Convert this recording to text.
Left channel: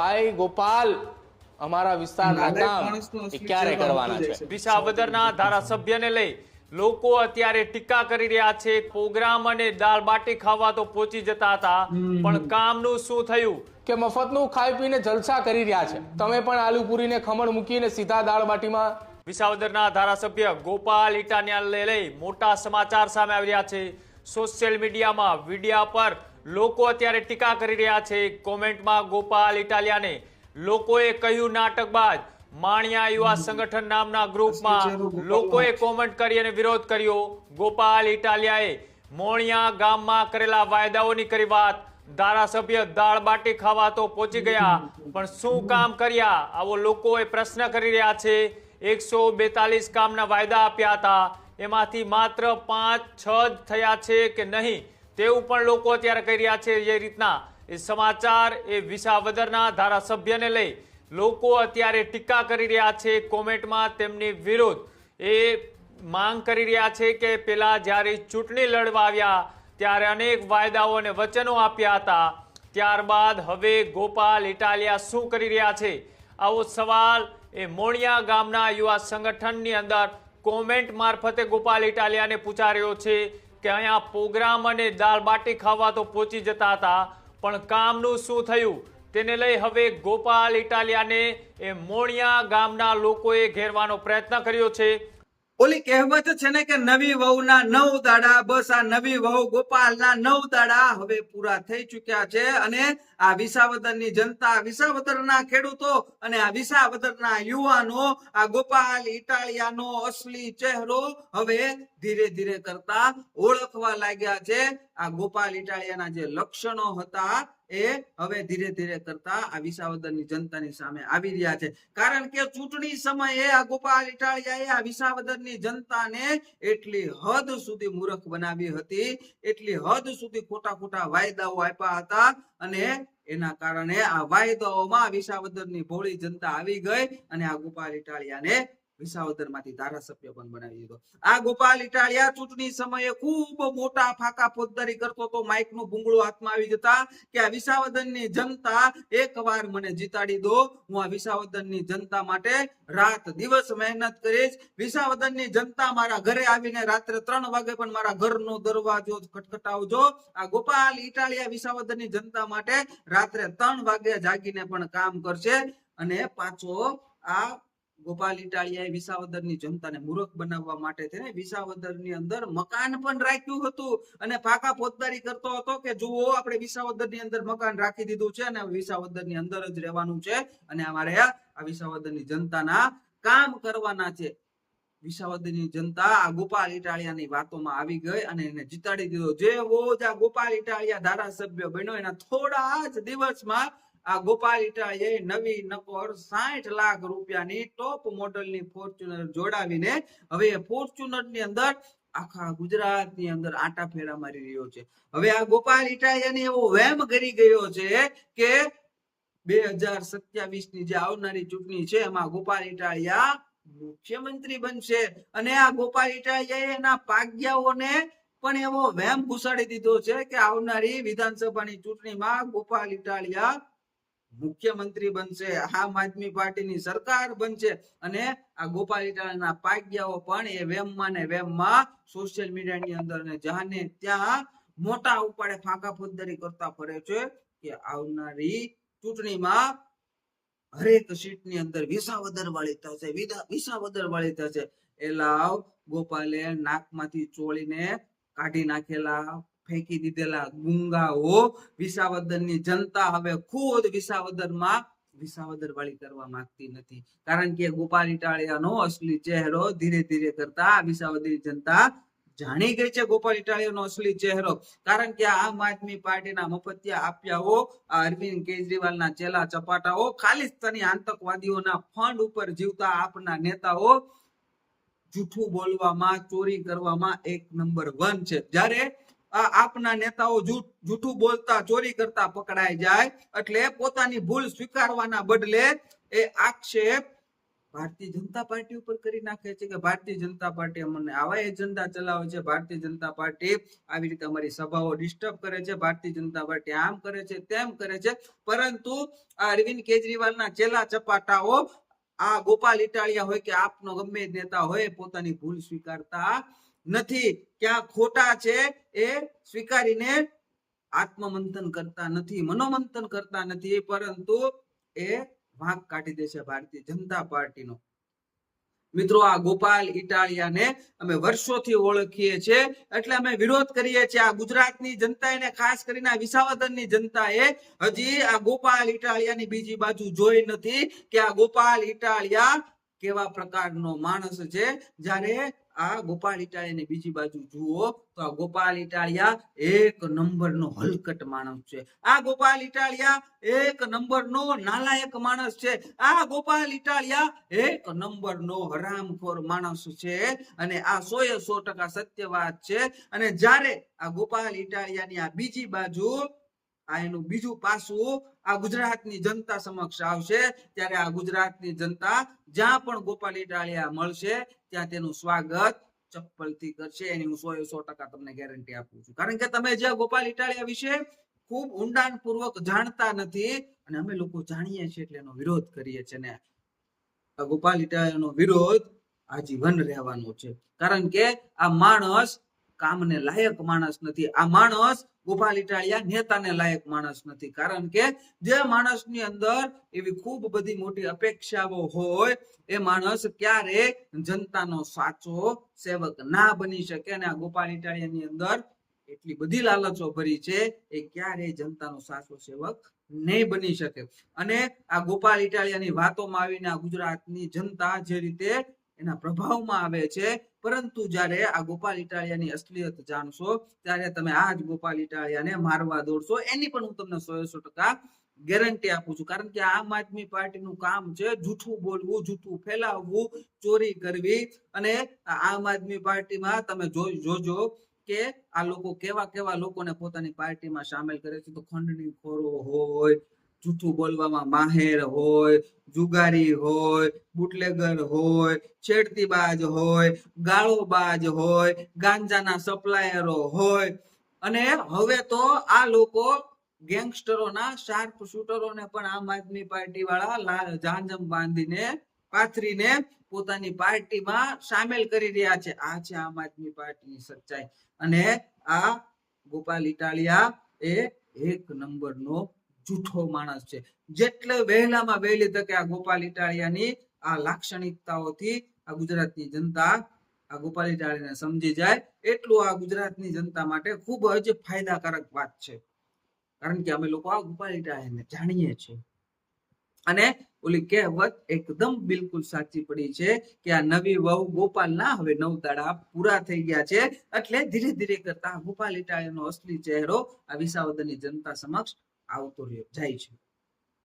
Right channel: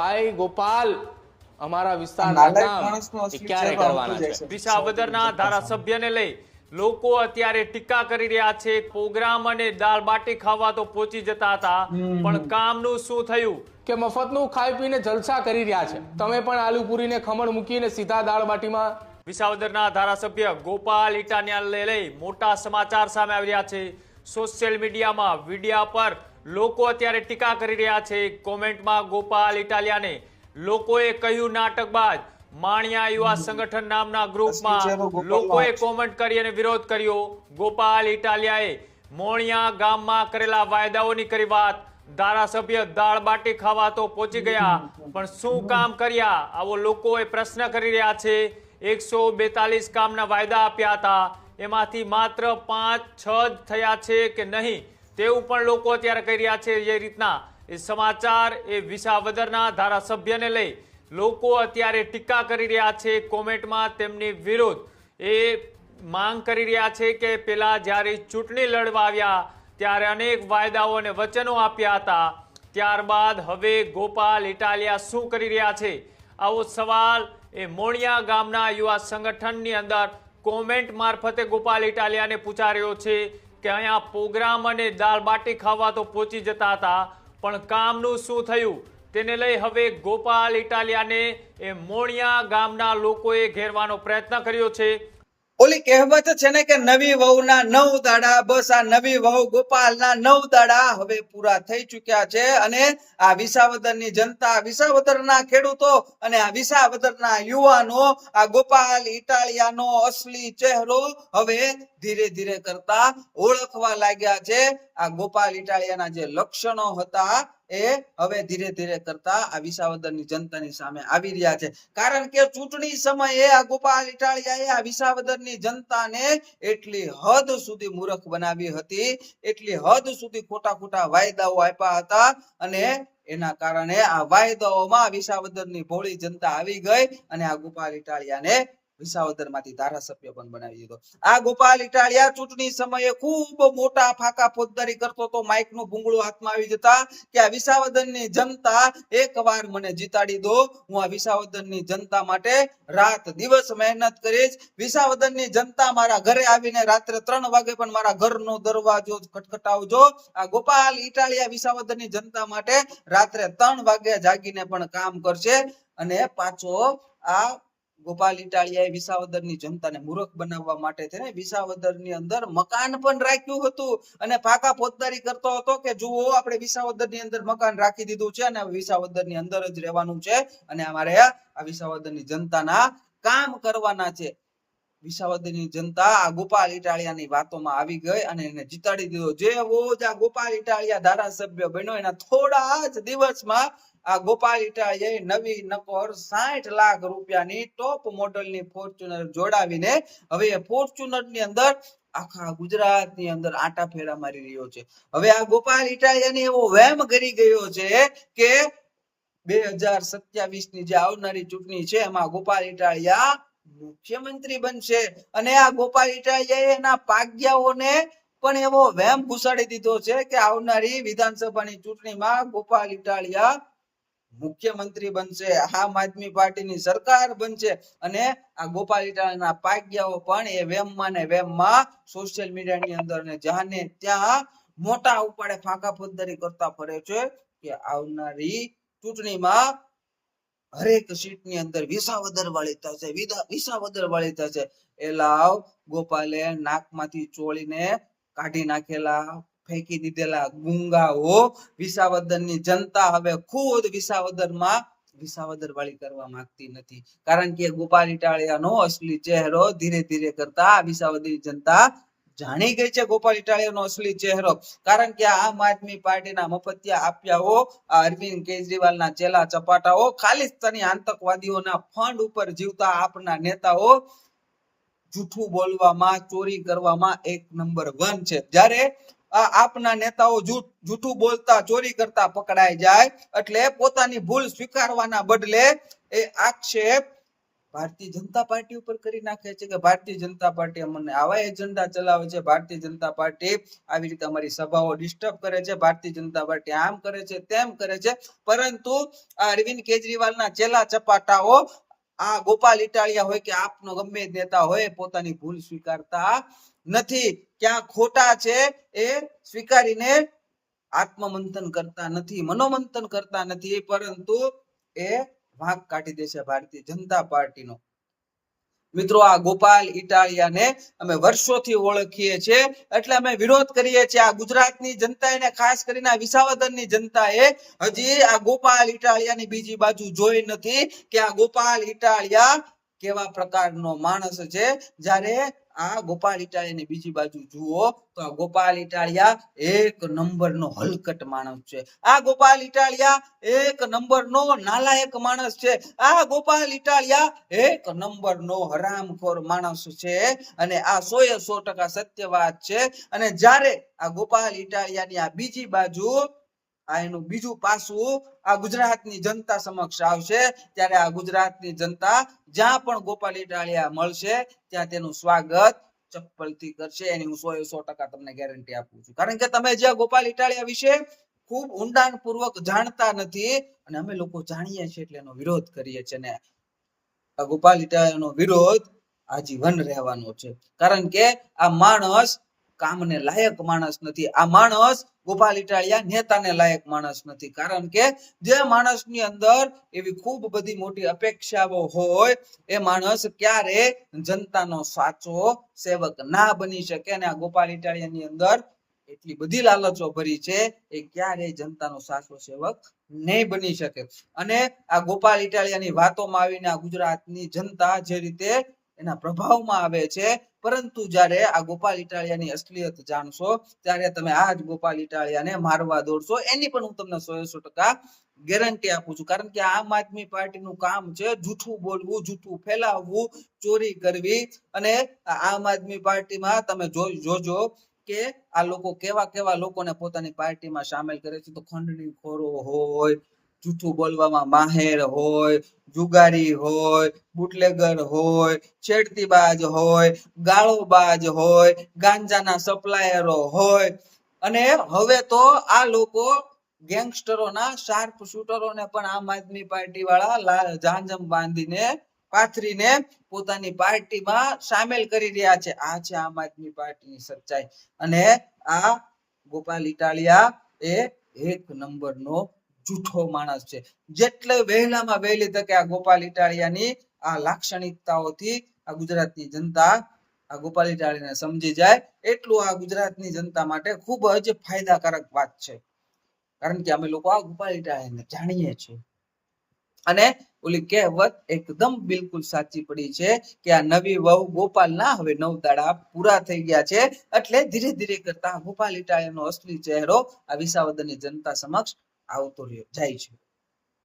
ભાઈ ગોપાલ અમારા વિસ્તારના કામ ક્યારે કરવાના છે? વિસાવદરના ધારાસભ્યને લઈ લોકો અત્યારે ટીકા કરી રહ્યા છે. પ્રોગ્રામ અને દાળ બાટી ખાવા તો પહોંચી જતા હતા, પણ કામનું શું થયું? કે મફતનું ખાઈ પીને જલસા કરી રહ્યા છે. તમે પણ આલુ પૂરીને ખમણ મૂકીને સીધા દાળ બાટીમાં. વિસાવદરના ધારાસભ્ય ગોપાલ ઇટાલિયાને લઈ મોટા સમાચાર સામે આવી રહ્યા છે. સોશિયલ મીડિયામાં વિડિયા પર લોકો અત્યારે ટીકા કરી રહ્યા છે. કોમેન્ટમાં ગોપાલ ઇટાલિયાને લોકોએ કહ્યું નાટકબાજ. માણિયા યુવા સંગઠન નામના ગ્રુપમાં લોકોએ કોમેન્ટ કરી અને વિરોધ કર્યો. ગોપાલ ઇટાલિયાએ મોણિયા ગામમાં કરેલા વાયદાઓની કરી વાત. ધારાસભ્ય દાળ બાટી ખાવા તો પહોંચી ગયા, પણ શું કામ કર્યા? આવો લોકોએ પ્રશ્ન કરી રહ્યા છે. 142 કામના વાયદા આપ્યા હતા, એમાંથી માત્ર 5-6 જ થયા છે કે નહીં, તેવું પણ લોકો અત્યારે કહી રહ્યા છે. જે રીતના એ સમાચાર એ વિસાવદરના ધારાસભ્યને લઈ લોકો અત્યારે ટીકા કરી રહ્યા છે. કોમેન્ટમાં તેમની વિરુદ્ધ એ માંગ કરી રહ્યા છે કે પેલા જ્યારે ચૂંટણી લડવા આવ્યા ત્યારે અનેક વાયદાઓ અને વચનો આપ્યા હતા, ત્યારબાદ હવે ગોપાલ ઇટાલિયા શું કરી રહ્યા છે? આવો સવાલ એ મોણિયા ગામના યુવા સંગઠનની અંદર કોમેન્ટ મારફતે ગોપાલ ઇટાલિયાને પૂછાયો છે કે અહીંયા પ્રોગ્રામ અને દાળ બાટી ખાવા તો પહોંચી જતા હતા, પણ કામનું શું થયું? તેને લઈ હવે ગોપાલ ઇટાલિયાને એ મોણિયા ગામના લોકોએ ઘેરવાનો પ્રયત્ન કર્યો છે. ઓલી કહેવત છે ને કે નવી વહુના 9 દાડા, બસ આ નવી વહુ ગોપાલના 9 દાડા હવે પૂરા થઈ ચુક્યા છે. અને આ વિસાવદરની જનતા, વિસાવદરના ખેડૂતો અને આ વિસાવદરના યુવાનો આ ગોપાલ ઇટાલિયાનો અસલી ચહેરો હવે ધીરે ધીરે કરતા ઓળખવા લાગ્યા છે. આ ગોપાલ ઇટાલિયાના જે લક્ષણો હતા એ હવે ધીરે ધીરે કરતા આ વિસાવદરની જનતાની સામે આવી રહ્યા છે. કારણ કે ચૂંટણી સમયે આ ગોપાલ ઇટાલિયાએ આ વિસાવદરની જનતાને એટલી હદ સુધી મૂર્ખ બનાવી હતી, એટલી હદ સુધી ખોટા ખોટા વાયદાઓ આપ્યા હતા, અને એના કારણે આ વાયદાઓમાં વિસાવદરની ભોળી જનતા આવી ગઈ અને આ ગોપાલ ઇટાલિયાને વિસાવદરમાંથી ધારાસભ્ય પણ બનાવી દીધો. આ ગોપાલ ઇટાલિયા ચૂંટણી સમયે ખૂબ મોટા ફાકા ફોજદારી કરતો તો માઇકનું ભૂંગળું હાથમાં આવી જતા કે આ વિસાવદરની જનતા એકવાર મને જીતાડી દો, હું આ વિસાવદરની જનતા માટે રાત દિવસ મહેનત કરીશ. વિસાવદરની જનતા મારા ઘરે આવીને રાત્રે 3 વાગે પણ મારા ઘરનો દરવાજો ખટખટાવજો. આ ગોપાલ ઇટાલિયા વિસાવદરની જનતા માટે રાત્રે 3 વાગે જાગીને પણ કામ કરશે. અને પાછો આ ગોપાલ ઇટાલિયાએ વિસાવદરની જનતાને મૂર્ખ બનાવવા માટે થઈને વિસાવદરની અંદર મકાન પણ રાખ્યું હતું અને ફાકા ફોજદારી કરતો હતો કે જુઓ આપણે વિસાવદરની અંદર મકાન રાખી દીધું છે અને વિસાવદરની અંદર જ રહેવાનું છે અને અમારે આ વિસાવદરની જનતાના કામ કરવાના છે. વિસાવદરની જનતા આ ગોપાલ ઇટાલિયાની વાતોમાં આવી ગઈ અને એને જીતાડી દીધો. જેવો જ આ ગોપાલ ઇટાલિયા ધારાસભ્ય બન્યો એના થોડા જ દિવસમાં આ ગોપાલ ઇટાલિયાએ નવી નકોર 60 લાખ રૂપિયાની ટોપ મોડલની ફોર્ચ્યુનર જોડાવીને હવે એ ફોર્ચ્યુનર ની અંદર આખા ગુજરાતની અંદર આટા ફેરા મારી રહ્યો છે. હવે આ ગોપાલ ઇટાલિયાને એવો વહેમ કરી ગયો છે કે 2027 ની જે આવનારી ચૂંટણી છે એમાં ગોપાલ ઇટાલિયા મુખ્યમંત્રી બનશે. અને આ ગોપાલ ઇટાલિયાએ એના પાગ્યાઓને પણ એવો વહેમ ઘુસાડી દીધો છે કે આવનારી વિધાનસભાની ચૂંટણીમાં ગોપાલ ઇટાલિયા મુખ્યમંત્રી બનશે, આમ આદમી પાર્ટીની સરકાર બનશે. અને આ ગોપાલ ઇટાલિયાના પાગ્યાઓ પણ એ વેમમાં ને વેમમાં સોશિયલ મીડિયાની અંદર ને જ્યાં ત્યાં મોટા ઉપાડે ફાંકા ફોજદારી કરતા ફરે છે કે આવનારી ચૂંટણીમાં હરેક સીટની અંદર વિસાવદર વાળી થશે, વિસાવદર વાળી થશે. એ લાવ ગોપાલે નાકમાંથી ચોળીને કાઢી નાખેલા, ફેંકી દીધેલા ગુંગાઓ વિસાવદરની જનતા હવે ખુદ વિસાવદરમાં વિસાવદર વાળી કરવા માંગતી નથી. કારણ કે ગોપાલ ઇટાલિયાનો અસલી ચહેરો ધીરે ધીરે કરતા વિસાવદરની જનતા જાણી ગઈ છે. ગોપાલ ઇટાલિયાનો અસલી ચહેરો, કારણ કે આમ આદમી પાર્ટીના મફતિયા આપ્યાઓ, આ અરવિંદ કેજરીવાલના ચેલા ચપાટાઓ, ખાલિસ્તાની આતંકવાદીઓના ફંડ ઉપર જીવતા આપના નેતાઓ જૂઠું બોલવામાં, ચોરી કરવામાં 1 નંબર 1 છે. જ્યારે આપના નેતાઓ જૂઠું બોલતા, ચોરી કરતા પકડાઈ જાય એટલે પોતાની ભૂલ સ્વીકારવાના બદલે એ આક્ષેપ ભારતીય જનતા પાર્ટી ઉપર કરી નાખે છે કે ભારતીય જનતા પાર્ટી અમને આવા એજન્ડા ચલાવે છે, ભારતીય જનતા પાર્ટી આવી રીતે અમારી સભાઓ ડિસ્ટર્બ કરે છે, ભારતીય જનતા પાર્ટી આમ કરે છે, તેમ કરે છે. પરંતુ આ અરવિંદ કેજરીવાલના ચેલા ચપાટાઓ આ ગોપાલ ઇટાલિયા હોય કે આપનો ગમે તે નેતા હોય પોતાની ભૂલ સ્વીકારતા નથી. ક્યાં ખોટા છે એ સ્વીકારીને આત્મમંથન કરતા નથી, મનોમંથન કરતા નથી, પરંતુ એ વાંક કાઢી દે છે ભારતીય જનતા પાર્ટીનો. મિત્રો, આ ગોપાલ ઇટાલિયાને અમે વર્ષોથી ઓળખીએ છીએ, એટલે અમે વિરોધ કરીએ છીએ. આ ગુજરાતની જનતા એને ખાસ કરીને આ વિસાવદરની જનતાએ હજી આ ગોપાલ ઇટાલિયાની બીજી બાજુ જોઈ નથી કે આ ગોપાલ ઇટાલિયા કેવા પ્રકારનો માણસ છે. જ્યારે આ ગોપાલ ઇટાલિયાની બીજી બાજુ જુઓ તો આ ગોપાલ ઇટાલિયા એક નંબરનો હલકટ માણસ છે. આ ગોપાલ ઇટાલિયા એક નંબરનો નાલાયક માણસ છે. આ ગોપાલ ઇટાલિયા એક નંબરનો હરામખોર માણસ છે. અને આ 100% સત્ય વાત છે. અને જ્યારે આ ગોપાલ ઇટાલિયાની આ બીજી બાજુ આ એનું બીજું પાસું આ ગુજરાતની જનતા સમક્ષ આવશે, ત્યારે આ ગુજરાતની જનતા જ્યાં પણ ગોપાલ ઇટાલિયા મળશે ત્યાં તેનું સ્વાગત ચપ્પલથી કરશે. એની હું 100% તમને ગેરંટી આપું છું. કારણ કે તમે જે ગોપાલ ઇટાલિયા વિશે ખૂબ ઊંડાણપૂર્વક જાણતા નથી, અને અમે લોકો જાણીએ છીએ એટલે એનો વિરોધ કરીએ છીએ. ને આ ગોપાલ ઇટાલિયાનો વિરોધ આજીવન રહેવાનો છે. કારણ કે આ માણસ કામને લાયક માણસ નથી. આ માણસ ગોપાલ ઇટાલિયા નેતાને લાયક માણસ નથી. કારણ કે જે માણસની અંદર એવી ખૂબ બધી મોટી અપેક્ષાઓ હોય એ માણસ ક્યારે જનતાનો સાચો સેવક ના બની શકે. અને આ ગોપાલ ઇટાલિયાની અંદર એટલી બધી લાલચો ભરી છે એ ક્યારેય જનતાનો સાચો સેવક નહીં બની શકે. અને આ ગોપાલ ઇટાલિયાની વાતોમાં આવીને આ ગુજરાતની જનતા જે રીતે એના પ્રભાવમાં આવે છે, પરંતુ જ્યારે આ ગોપાલ ઇટાલિયાની અસલિયત જાણશો ત્યારે તમે આ જ ગોપાલ ઇટાલિયાને મારવા દોડશો. એની પણ હું તમને 100% ગેરંટી આપું છું. કારણ કે આમ આદમી પાર્ટીનું કામ છે જૂઠું બોલવું, જૂઠું ફેલાવવું, ચોરી કરવી. અને આમ આદમી પાર્ટીમાં તમે જોજો કે આ લોકો કેવા કેવા લોકોને પોતાની પાર્ટીમાં સામેલ કરે છે. તો ખંડણી ખોરો હોય, જૂઠું બોલવામાં માહેર હોય, જુગારી હોય, બુટલેગર હોય, છેડતીબાજ હોય, ગાળોબાજ હોય, ગાંજાના સપ્લાયરો હોય. અને હવે તો આ લોકો ગેંગસ્ટરોના શાર્પ શૂટરોને પણ આમ આદમી પાર્ટી વાળા જાંજમ બાંધીને પાથરીને પોતાની પાર્ટીમાં સામેલ કરી રહ્યા છે. આ છે આમ આદમી પાર્ટીની સચ્ચાઈ. અને આ ગોપાલ ઇટાલિયા એ એક નંબરનો જૂઠો માણસ છે. જેટલે વહેલામાં વહેલી તકે આ ગોપાલ ઇટાલિયાની આ લાક્ષણિકતાઓથી આ ગુજરાતની જનતા આ ગોપાલ ઇટાલિયાને સમજી જાય એટલું આ ગુજરાતની જનતા માટે ખૂબ જ ફાયદાકારક વાત છે. કારણ કે અમે લોકો આ ગોપાલ ઇટાલિયાને જાણીએ છીએ. અને ઓલી કહેવત એકદમ બિલકુલ સાચી પડી છે કે આ નવી વહુ ગોપાલના હવે 9 દાડા પૂરા થઈ ગયા છે. એટલે ધીરે ધીરે કરતા ગોપાલ ઇટાલિયાનો અસલી ચહેરો આ વિસાવદરની જનતા સમક્ષ આવતો જાય છે.